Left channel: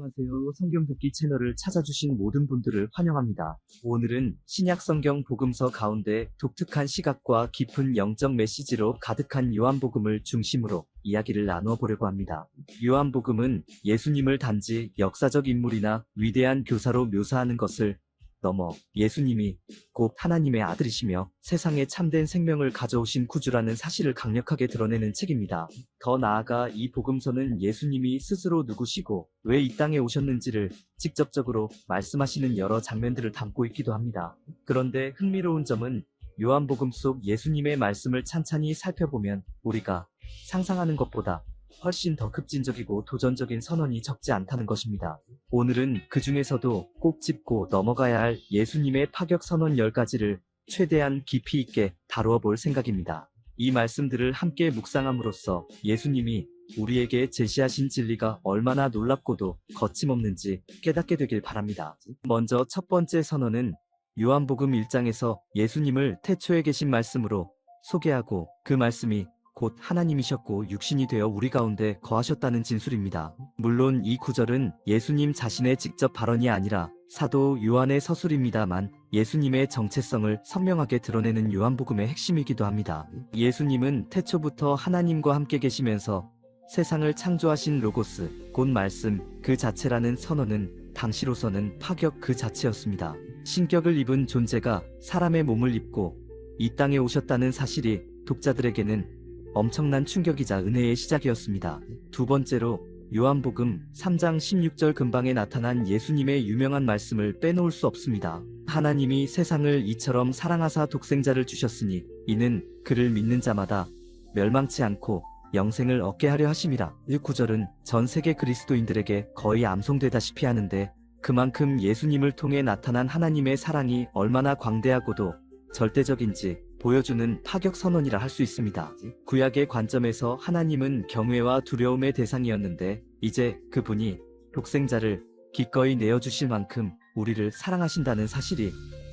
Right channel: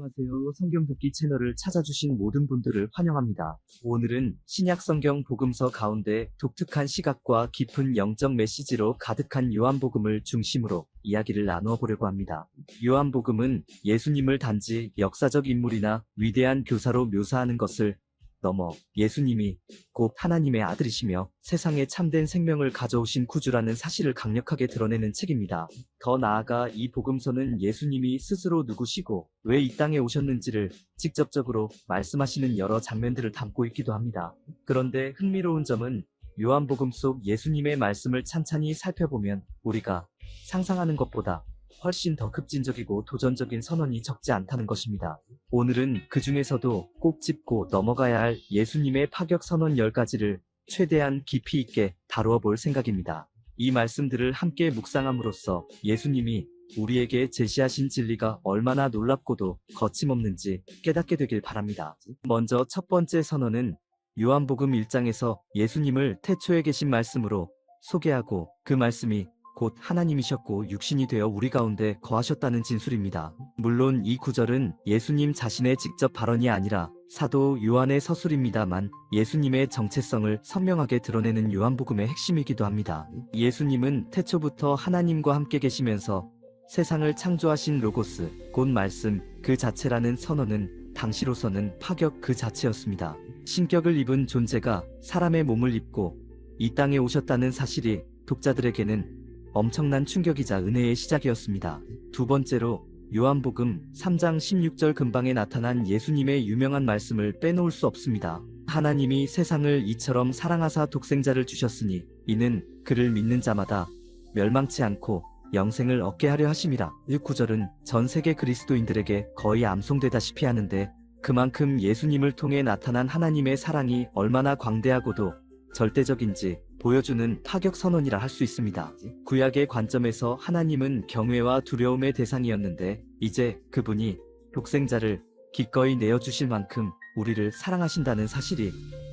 안녕하세요. 성경 듣기 채널을 찾아주신 모든 분들을 환영합니다. 오늘은 신약 성경 복음서 가운데 독특한 시각과 깊은 영적 메시지로 가득한 요한복음을 중심으로 이야기를 나누어 보려고 합니다. 요한복음은 예수님을 단지 역사적 인물이나 위대한 교사로 묘사하는 것을 넘어 예수님이 곧 하나님의 아들이시며 세상에 참된 생명을 가져오신 구주라는 사실을 강력하게 드러내는 책입니다. 더 나아가 이 복음서는 예수님이 스스로 누구시고 왜 이 땅에 오셨는지를 직접적으로 말씀하시는 여러 장면들을 담고 있기도 합니다. 그런데 흥미로운 점은 요한복음 속 예수님의 말씀을 찬찬히 살펴보면 우리가 상상하는 것보다 훨씬 더 급진적이고 도전적인 선언이 적지 않다는 것입니다. 오늘은 그 중에서도 꼭 짚고 넘어가야 할 예수님의 파격 선언 10가지를 최대한 깊이 있게 다루어 볼 생각입니다. 이 말씀들을 함께 묵상함으로써 예수님이 우리에게 제시하신 진리가 얼마나 놀랍고도 거침없는지 깨닫게 되길 바랍니다. 먼저 첫 번째 선언은 요한복음 1장에서 예수님을 태초에 계신 말씀으로 소개하고 그 말씀이 곧 하나님이셨고 육신이 되어 우리 가운데 거하셨다는 진술입니다. 물론 이 구절은 예수님 자신의 직접 발언이 아니라 사도 요한의 서술입니다만 예수님의 정체성을 선명하게 드러내는 요한복음의 핵심이기도 합니다. 예수님은 태초부터 하나님과 함께 계시면서 세상을 창조하신 로고스, 곧 말씀 그 자체라는 선언은 당시로서는 파격 그 자체였습니다. 신격을 입은 존재가 사람의 몸을 입고 이 땅에 오셨다는 사실이 독자들에게는 엄청난 충격이자 은혜의 시작이었습니다. 두 번째로 요한복음 3장 16절 근방에 나타난 예수님의 유명한 말씀을 빼놓을 수 없습니다. 하나님이 세상을 이처럼 사랑하사 독생자를 주셨으니 이는 그를 믿는 자마다 멸망치 않고 영생을 얻게 하려 하심이라. 이 구절은 전 세계 그리스도인들에게 거의 암송되다시피 하는데 그만큼 예수님을 통해 나타난 하나님의 사랑이 얼마나 광대하고도 절대적인지 보여주는 파격 선언이라 할 수 있습니다. 구약의 관점에서 하나님은 경외와 두려움의 대상이었는데 이제 그분이 독생자를 기꺼이 내어주실 만큼 우리를 사랑하신다는 사실이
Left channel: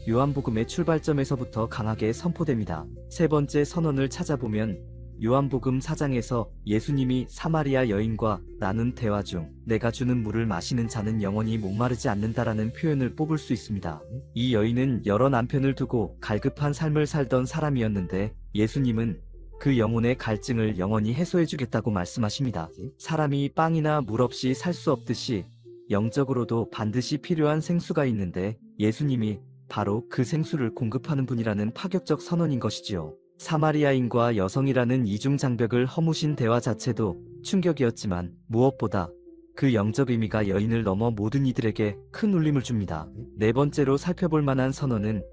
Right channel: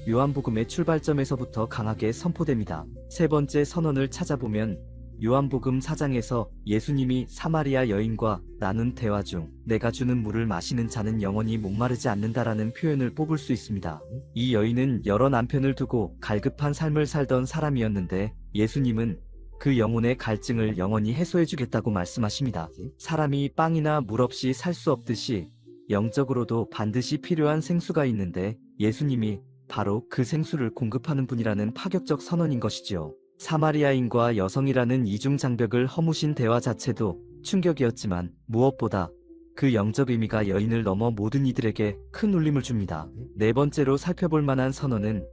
요한복음의 출발점에서부터 강하게 선포됩니다. 세 번째 선언을 찾아보면 요한복음 4장에서 예수님이 사마리아 여인과 나눈 대화 중 내가 주는 물을 마시는 자는 영원히 목마르지 않는다라는 표현을 뽑을 수 있습니다. 이 여인은 여러 남편을 두고 갈급한 삶을 살던 사람이었는데 예수님은 그 영혼의 갈증을 영원히 해소해주겠다고 말씀하십니다. 사람이 빵이나 물 없이 살 수 없듯이 영적으로도 반드시 필요한 생수가 있는데 예수님이 바로 그 생수를 공급하는 분이라는 파격적 선언인 것이지요. 사마리아인과 여성이라는 이중 장벽을 허무신 대화 자체도 충격이었지만 무엇보다 그 영적 의미가 여인을 넘어 모든 이들에게 큰 울림을 줍니다. 네 번째로 살펴볼 만한 선언은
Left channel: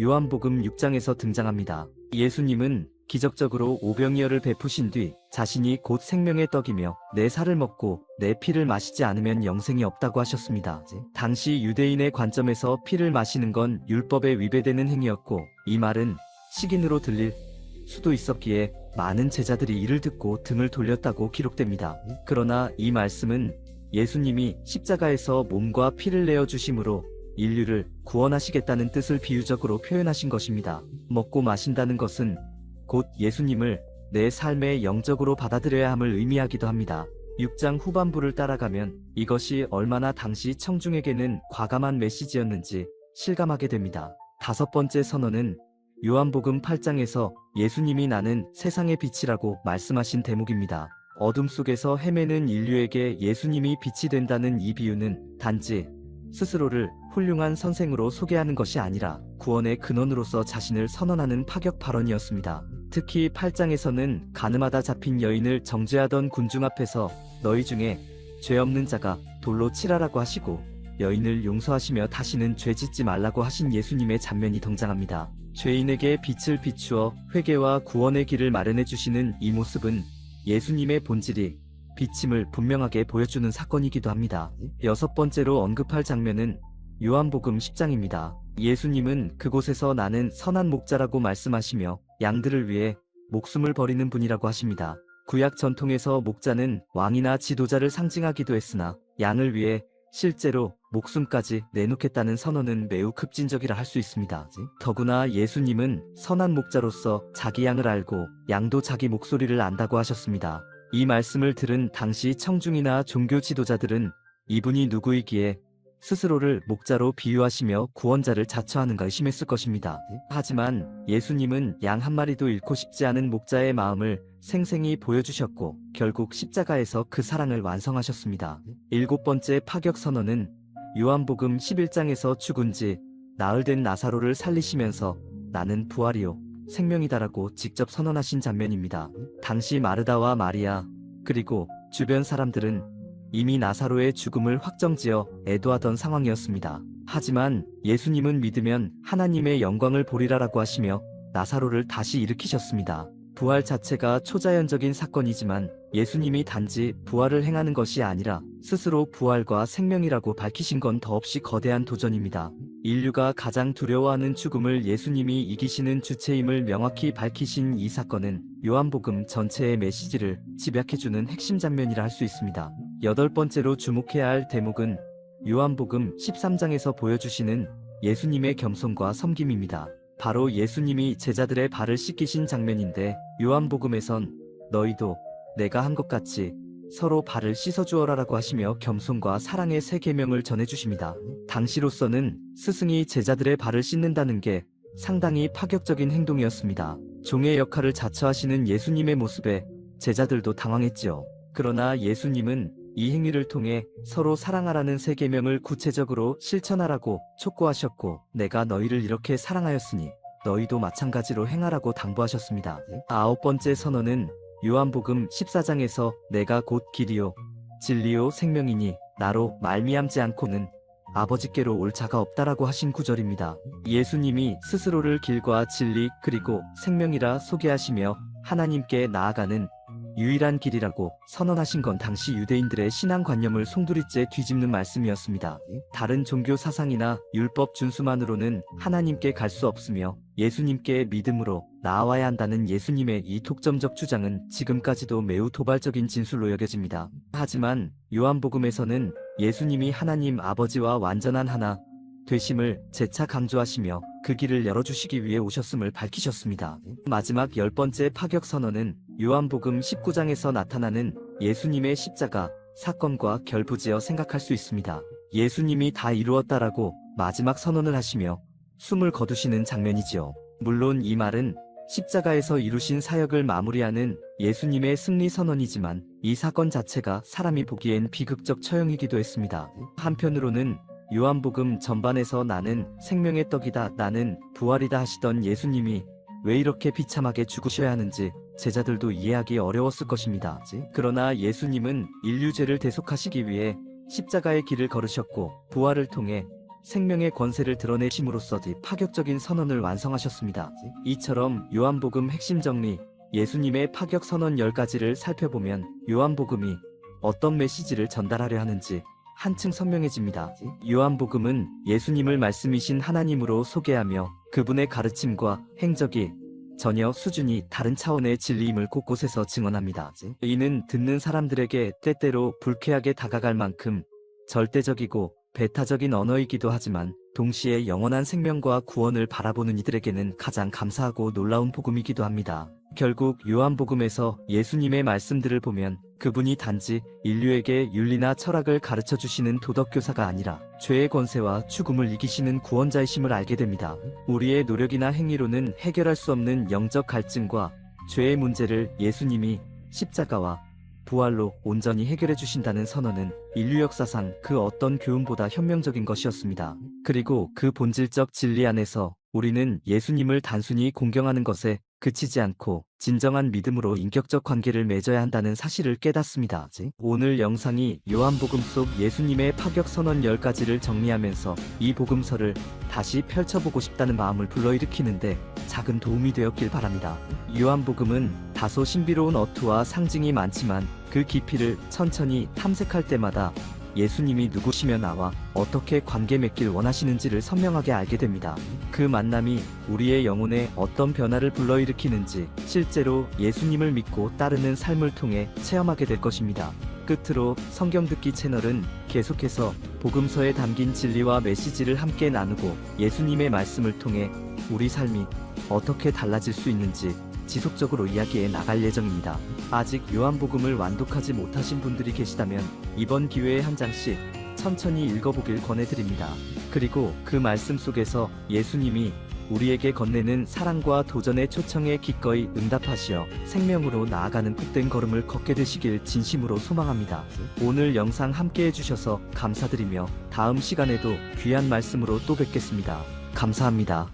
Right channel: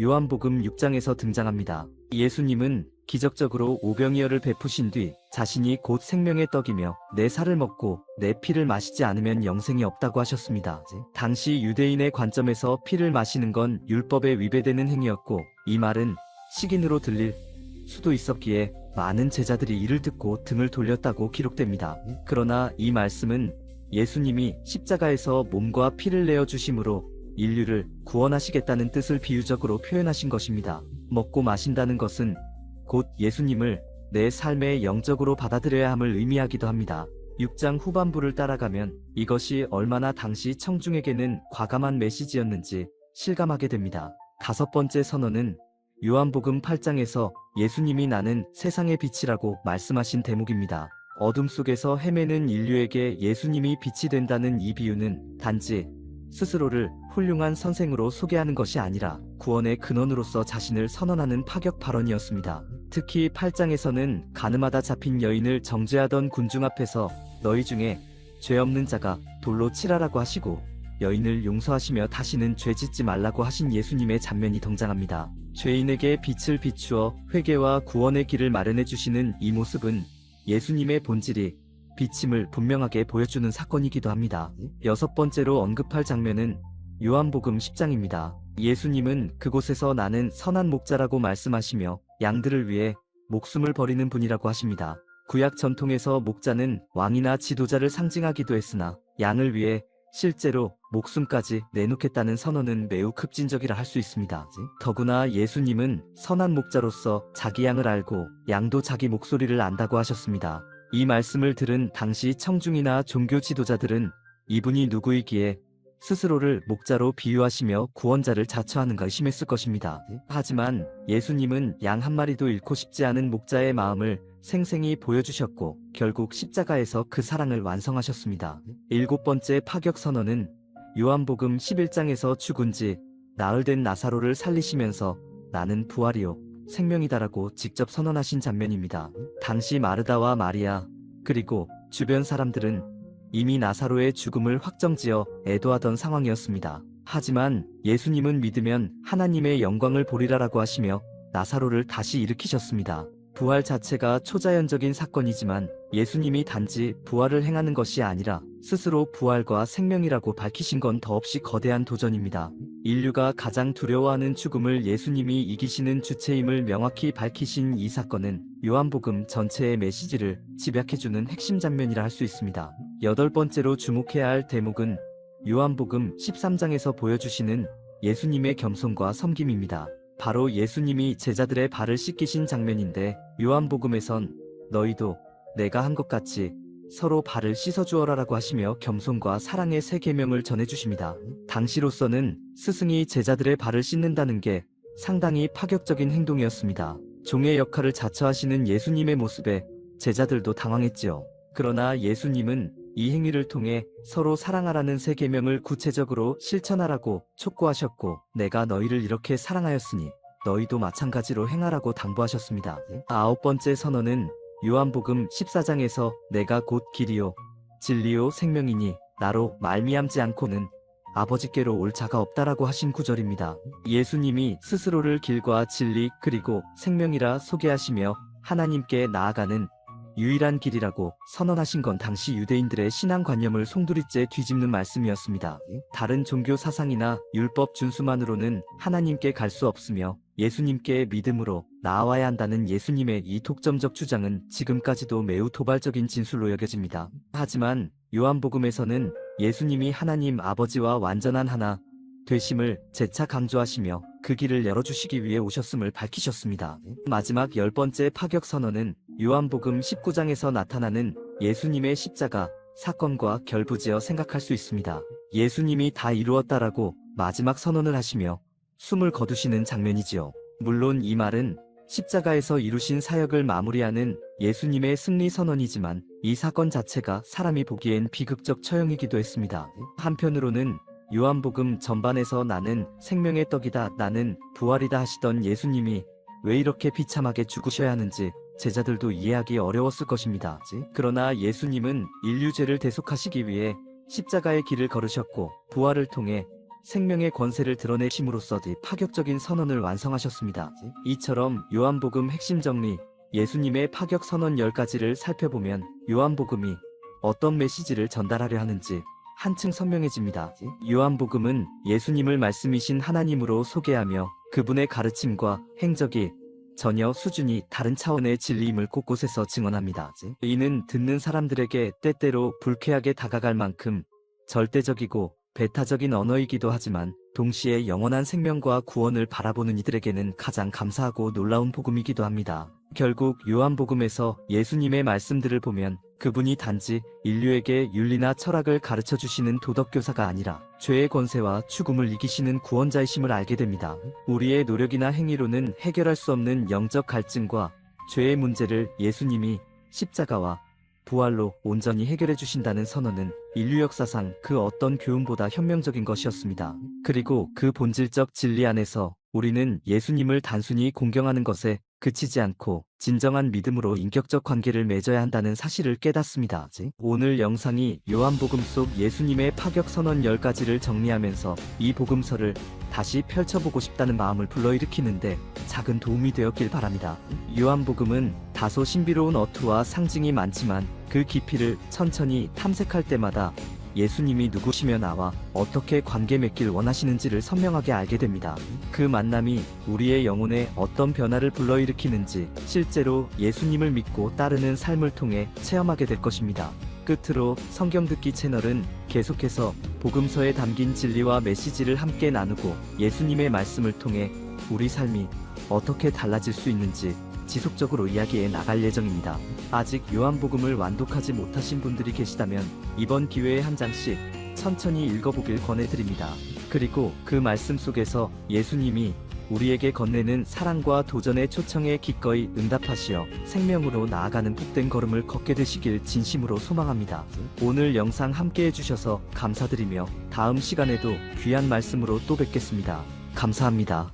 요한복음 6장에서 등장합니다. 예수님은 기적적으로 오병이어를 베푸신 뒤 자신이 곧 생명의 떡이며 내 살을 먹고 내 피를 마시지 않으면 영생이 없다고 하셨습니다. 당시 유대인의 관점에서 피를 마시는 건 율법에 위배되는 행위였고 이 말은 식인으로 들릴 수도 있었기에 많은 제자들이 이를 듣고 등을 돌렸다고 기록됩니다. 그러나 이 말씀은 예수님이 십자가에서 몸과 피를 내어주심으로 인류를 구원하시겠다는 뜻을 비유적으로 표현하신 것입니다. 먹고 마신다는 것은 곧 예수님을 내 삶의 영적으로 받아들여야 함을 의미하기도 합니다. 6장 후반부를 따라가면 이것이 얼마나 당시 청중에게는 과감한 메시지였는지 실감하게 됩니다. 다섯 번째 선언은 요한복음 8장에서 예수님이 나는 세상의 빛이라고 말씀하신 대목입니다. 어둠 속에서 헤매는 인류에게 예수님이 빛이 된다는 이 비유는 단지 스스로를 훌륭한 선생으로 소개하는 것이 아니라 구원의 근원으로서 자신을 선언하는 파격 발언이었습니다. 특히 8장에서는 가늠하다 잡힌 여인을 정죄하던 군중 앞에서 너희 중에 죄 없는 자가 돌로 치라라고 하시고 여인을 용서하시며 다시는 죄 짓지 말라고 하신 예수님의 장면이 등장합니다. 죄인에게 빛을 비추어 회개와 구원의 길을 마련해 주시는 이 모습은 예수님의 본질이 빛임을 분명하게 보여주는 사건이기도 합니다. 여섯 번째로 언급할 장면은 요한복음 10장입니다. 예수님은 그곳에서 나는 선한 목자라고 말씀하시며 양들을 위해 목숨을 버리는 분이라고 하십니다. 구약 전통에서 목자는 왕이나 지도자를 상징하기도 했으나 양을 위해 실제로 목숨까지 내놓겠다는 선언은 매우 급진적이라 할 수 있습니다. 더구나 예수님은 선한 목자로서 자기 양을 알고 양도 자기 목소리를 안다고 하셨습니다. 이 말씀을 들은 당시 청중이나 종교 지도자들은 이분이 누구이기에 스스로를 목자로 비유하시며 구원자를 자처하는가 의심했을 것입니다. 하지만 예수님은 양 한 마리도 잃고 싶지 않은 목자의 마음을 생생히 보여주셨고 결국 십자가에서 그 사랑을 완성하셨습니다. 일곱 번째 파격 선언은 요한복음 11장에서 죽은 지 나흘 된 나사로를 살리시면서 나는 부활이요 생명이다라고 직접 선언하신 장면입니다. 당시 마르다와 마리아 그리고 주변 사람들은 이미 나사로의 죽음을 확정지어 애도하던 상황이었습니다. 하지만 예수님은 믿으면 하나님의 영광을 보리라라고 하시며 나사로를 다시 일으키셨습니다. 부활 자체가 초자연적인 사건이지만 예수님이 단지 부활을 행하는 것이 아니라 스스로 부활과 생명이라고 밝히신 건 더없이 거대한 도전입니다. 인류가 가장 두려워하는 죽음을 예수님이 이기시는 주체임을 명확히 밝히신 이 사건은 요한복음 전체의 메시지를 집약해주는 핵심 장면이라 할 수 있습니다. 여덟 번째로 주목해야 할 대목은 요한복음 13장에서 보여주시는 예수님의 겸손과 섬김입니다. 바로 예수님이 제자들의 발을 씻기신 장면인데 요한복음에선 너희도 내가 한 것 같이 서로 발을 씻어주어라라고 하시며 겸손과 사랑의 세 계명을 전해주십니다. 당시로서는 스승이 제자들의 발을 씻는다는 게 상당히 파격적인 행동이었습니다. 종의 역할을 자처하시는 예수님의 모습에 제자들도 당황했지요. 그러나 예수님은 이 행위를 통해 서로 사랑하라는 세 계명을 구체적으로 실천하라고 촉구하셨고 내가 너희를 이렇게 사랑하였으니 너희도 마찬가지로 행하라고 당부하셨습니다. 아홉 번째 선언은 요한복음 14장에서 내가 곧 길이요 진리요 생명이니 나로 말미암지 않고는 아버지께로 올 자가 없다라고 하신 구절입니다. 예수님이 스스로를 길과 진리 그리고 생명이라 소개하시며 하나님께 나아가는 유일한 길이라고 선언하신 건 당시 유대인들의 신앙관념을 송두리째 뒤집는 말씀이었습니다. 다른 종교 사상이나 율법 준수만으로는 하나님께 갈 수 없으며 예수님께 믿음으로 나아와야 한다는 예수님의 이 독점적 주장은 지금까지도 매우 도발적인 진술로 여겨집니다. 하지만 요한복음에서는 예수님이 하나님 아버지와 완전한 하나 되심을 재차 강조하시며 그 길을 열어주시기 위해 오셨음을 밝히셨습니다. 마지막 열 번째 파격 선언은 요한복음 19장에서 나타나는 예수님의 십자가 사건과 결부지어 생각할 수 있습니다. 예수님이 다 이루었다라고 마지막 선언을 하시며 숨을 거두시는 장면이지요. 물론 이 말은 십자가에서 이루신 사역을 마무리하는 예수님의 승리 선언이지만 이 사건 자체가 사람이 보기엔 비극적 처형이기도 했습니다. 한편으로는 요한복음 전반에서 나는 생명의 떡이다, 나는 부활이다 하시던 예수님이 왜 이렇게 비참하게 죽으셔야 하는지 제자들도 이해하기 어려웠을 것입니다. 그러나 예수님은 인류죄를 대속하시기 위해 십자가의 길을 걸으셨고 부활을 통해 생명의 권세를 드러내심으로써 파격적인 선언을 완성하셨습니다. 이처럼 요한복음 핵심 정리, 예수님의 파격 선언 10가지를 살펴보면 요한복음이 어떤 메시지를 전달하려 하는지 한층 선명해집니다. 요한복음은 예수님을 말씀이신 하나님으로 소개하며 그분의 가르침과 행적이 전혀 수준이 다른 차원의 진리임을 곳곳에서 증언합니다. 이는 듣는 사람들에게 때때로 불쾌하게 다가갈 만큼 절대적이고 배타적인 언어이기도 하지만 동시에 영원한 생명과 구원을 바라보는 이들에게는 가장 감사하고 놀라운 복음이기도 합니다. 결국 요한복음에서 예수님의 말씀들을 보면 그분이 단지 인류에게 윤리나 철학을 가르쳐 주시는 도덕교사가 아니라 죄의 권세와 죽음을 이기시는 구원자이심을 알게 됩니다. 우리의 노력이나 행위로는 해결할 수 없는 영적 갈증과 죄의 문제를 예수님이 십자가와 부활로 온전히 해결해 주신다는 선언은 인류 역사상 그 어떤 교훈보다 혁명적인 것이었습니다. 그리고 그 본질적 진리 안에서 우리는 예수님을 단순히 공경하는 것에 그치지 않고 진정한 믿음으로 인격적 관계를 맺어야 한다는 사실을 깨닫습니다. 오늘 영상이 요한복음 속 예수님의 파격 선언 10가지를 정리하면서 이 복음서를 다시 펼쳐보고 싶다는 마음을 불러일으키는데 작은 도움이 되었길 바랍니다. 요한복음은 다소 신비로운 어투와 상징이 많지만 그 깊이를 천천히 탐색할 때마다 예수님이 누구시며 나와 어떻게 관계 맺길 원하시는지를 선명하게 알게 됩니다. 그 만남이 우리의 영혼에 어떤 변화를 불러일으키는지 실제로 예수님을 믿고 따르는 삶을 통해 체험하게 될 것입니다. 끝으로 성경 듣기 채널은 계속해서 복음서에 담긴 진리와 메시지를 함께 나누고 예수님의 말씀을 통해 우리 삶이 어떻게 달라질 수 있는지 지속적으로 이야기해 나갈 예정입니다. 아직 요한복음을 완독하지 못하신 분들이 계시다면 이번 기회에 한 장씩 천천히 읽어보길 권해드립니다. 그리고 그 말씀 속에서 예수님이 우리에게 건네는 사랑과 도전의 초청에 기꺼이 응답하시어 생명으로 나아가는 복된 걸음을 걷게 되시길 진심으로 소망합니다. 오늘 영상 함께 해주셔서 감사드리며 다음 시간에도 귀한 말씀으로 또 뵙겠습니다. 감사합니다.